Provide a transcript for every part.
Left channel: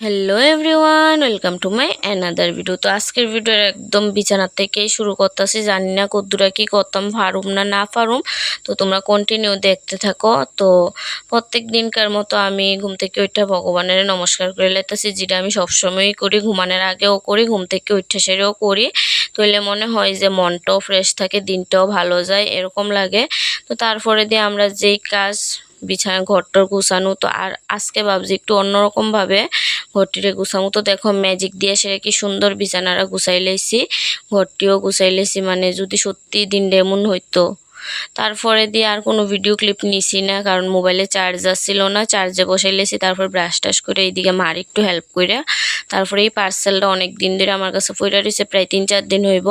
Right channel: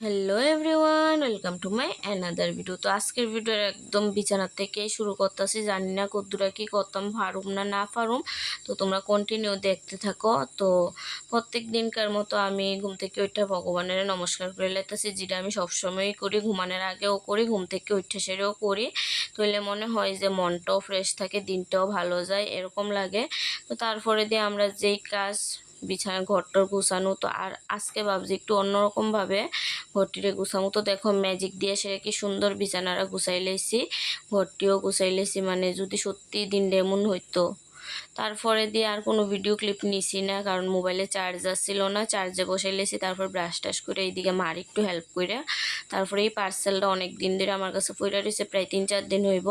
Hello everyone, welcome to my another video. তো আজকের ভিডিওর একদম বিছানা থেকেই শুরু করতেছি। জানি না কদ্দুরা কি করতাম, পারুম না পারুম। তো তোমরা কন্টিনিউ দেখতে থাকো। তো প্রত্যেক দিনকার মতো আমি ঘুম থেকে উঠে ভগবানের নমস্কার করে লেতেছি, যেটা আমি সবসময়ই করি, ঘুমানোর আগেও করি, ঘুম থেকে উঠে সেরেও করি। তাইলে মনে হয় যে মনটাও ফ্রেশ থাকে, দিনটাও ভালো যায়, এরকম লাগে। তো তারপরে দিয়ে আমরা যেই কাজ বিছানা ঘরটার গুছানো, তো আর আজকে ভাবছি একটু অন্যরকমভাবে ঘরটিরে গুছামো। তো দেখো ম্যাজিক দিয়ে সেটা কি সুন্দর বিছানারা গুছাই লাইছি, ঘরটিও গুছাই লাইছি। মানে যদি সত্যি দিনটা এমন হইতো। তারপরে দিয়ে আর কোনো ভিডিও ক্লিপ নিছি না, কারণ মোবাইলে চার্জার ছিল না, চার্জে বসাই লেছি। তারপর ব্রাশ টাশ করে এইদিকে মার একটু হেল্প করে তারপরে এই পার্সেলটা অনেক দিন ধরে আমার কাছে পড়ে রয়েছে, প্রায় 3-4 দিন হইব,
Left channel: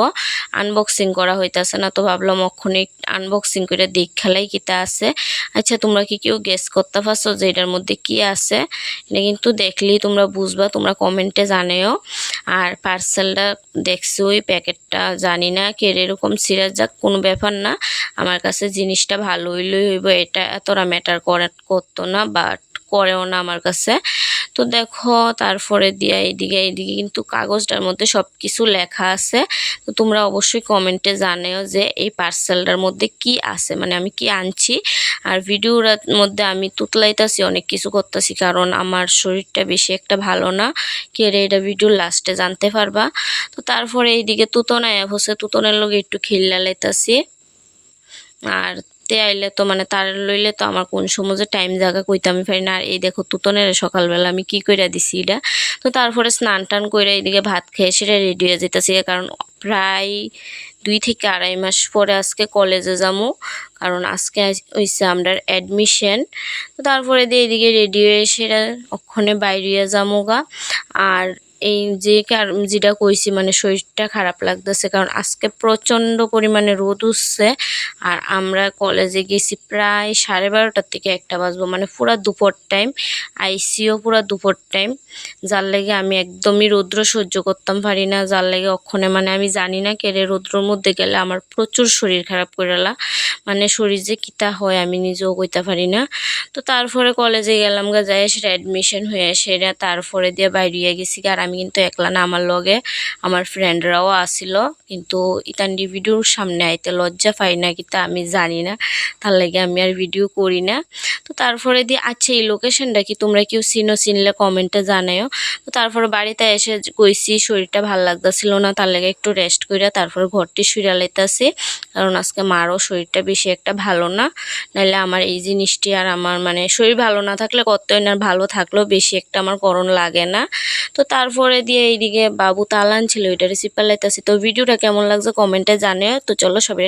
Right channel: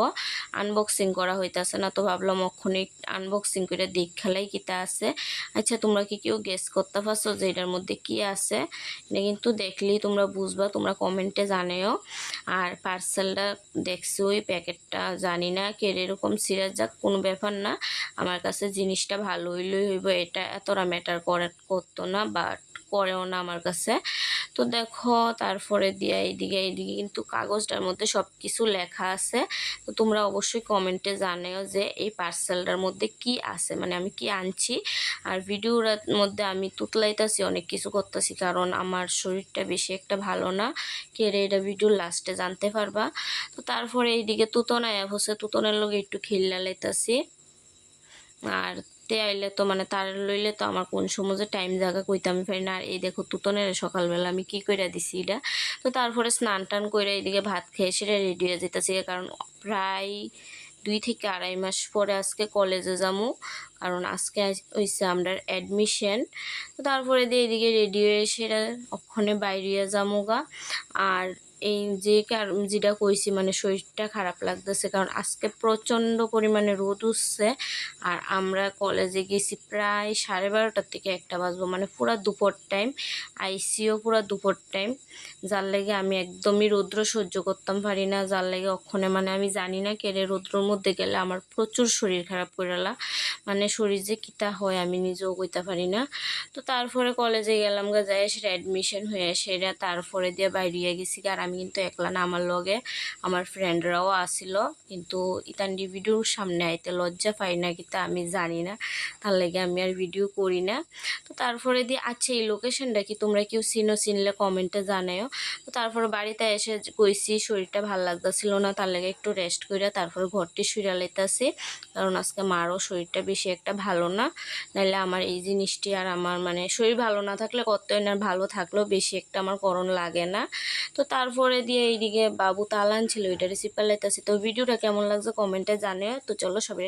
আনবক্সিং করা হইতাছে না। তো ভাবলাম অক্ষণে আনবক্সিং করে দেখ খেলাই কিতা আছে। আচ্ছা, তোমরা কি কেউ গেস করতে পারছো যে এটার মধ্যে কি আছে? এটা কিন্তু দেখলেই তোমরা বুঝবা, তোমরা কমেন্টে জানিও। আর পার্সেলটা দেখছি, ওই প্যাকেটটা জানি না কে এরকম সিরিয়াস, যাক কোনো ব্যাপার না। আমার কাছে জিনিসটা ভালো হইলেই হইব, এটা এতটা ম্যাটার করতো না, বাট করেও না আমার কাছে। তো দেখো তারপরে দিয়ে এইদিকে কিন্তু কাগজটার মধ্যে সব কিছু লেখা আছে। তো তোমরা অবশ্যই কমেন্টে জানিও যে এই পার্সেলটার মধ্যে কি আছে, মানে আমি কি আনছি। আর ভিডিওর মধ্যে আমি তুতলাইতাছি, অনেক কিছু করতেছি, কারণ আমার শরীরটা বেশি একটা ভালো না। কে রে এটা ভিডিওর লাস্টে জানতে পারবা। তো তারপরে এইদিকে তুতন আয়া হচ্ছে, তুতনের লগে একটু খিল্লা লাইতাছি। আর তে আইলে তো মানে তার লইলে তো আমার কোন সময় যে টাইম জায়গা কইতে আমি পারি না। আর এই দেখো তুতনের সকালবেলা আমি কি কইরা দিছি এটা। তো তারপরে স্নান টান কইরা এইদিকে ভাত খেয়ে সেটা রেডি হয়ে যেতেছি, কারণ প্রায় 2 থেকে 2.5 মাস পরে আজকে কলেজে যাবো, কারণ আজকে হইছে আমরা অ্যাডমিশন। তো তারপরে দিয়ে এইদিকে রেডি হয়ে সেটা অক্ষণে বাইরে যাবো গা। আর এই যে যেটা কইছি, মানে শরীরটা খারাপ লাগতেছে, কারণ আজকে প্রচণ্ড পরিমাণে রোদ উঠছে। আর আমরা কলেজে গেছি প্রায় 12:30 থেকে 1টা বাজবো, মানে পুরা দুপুর টাইম। আইসিও পুরা দুপুর টাইম, যার লেগে আমি একদমই রৌদ্র সহ্য করতাম পারি না। যার লেগে অক্ষণে মানে আমি জানি না কেড়ে রৌদ্রর মধ্যে গেলে আমার প্রচুর শরীর খারাপ করেলা, মানে শরীর যে কিতা হয় আমি নিজেও কইতে পারি না। তো তারপরে কলেজে গেলাম গা, যাই সেটা অ্যাডমিশন হয়ে সেটা তারপরে দিয়ে বাইরে গেছি। আর আমি কিন্তু একলা না, আমার লগে আমার ফ্রেন্ডরাও আসিল, কিন্তু ইতান্ডি ভিডিওর সামনে আইতে লজ্জা পাই না কিতা আমি জানি না, তার লাগে আমি আর ভিডিও করি না। তো তারপরে দিয়ে আচ্ছা এই লোকেশনটা কি তোমরা কেউ চিনলে কমেন্টে জানাও। তো তারপরে বাড়িতে এসে কইছি শরীরটা ভাল লাগতেছিল না, তার লাগে একটু রেস্ট কইরা তারপরে ঘরটি শুইরা লাইতাছি, কারণ আজকে মারও শরীরটা বেশি একটা ভালো না। নাহলে আমার এই জিনিসটি আর আমার মানে শরীর ভালো না থাকলে কতই না, ভালো থাকলেও বেশি একটা আমার করণ লাগে না। তো তারপরে দিয়ে এইদিকে বাবু তালান ছিল, ওইটা রিসিভ পালাইতেছি। তো ভিডিওটা কেমন লাগছে কমেন্টে জানিও। তো চলো সবাই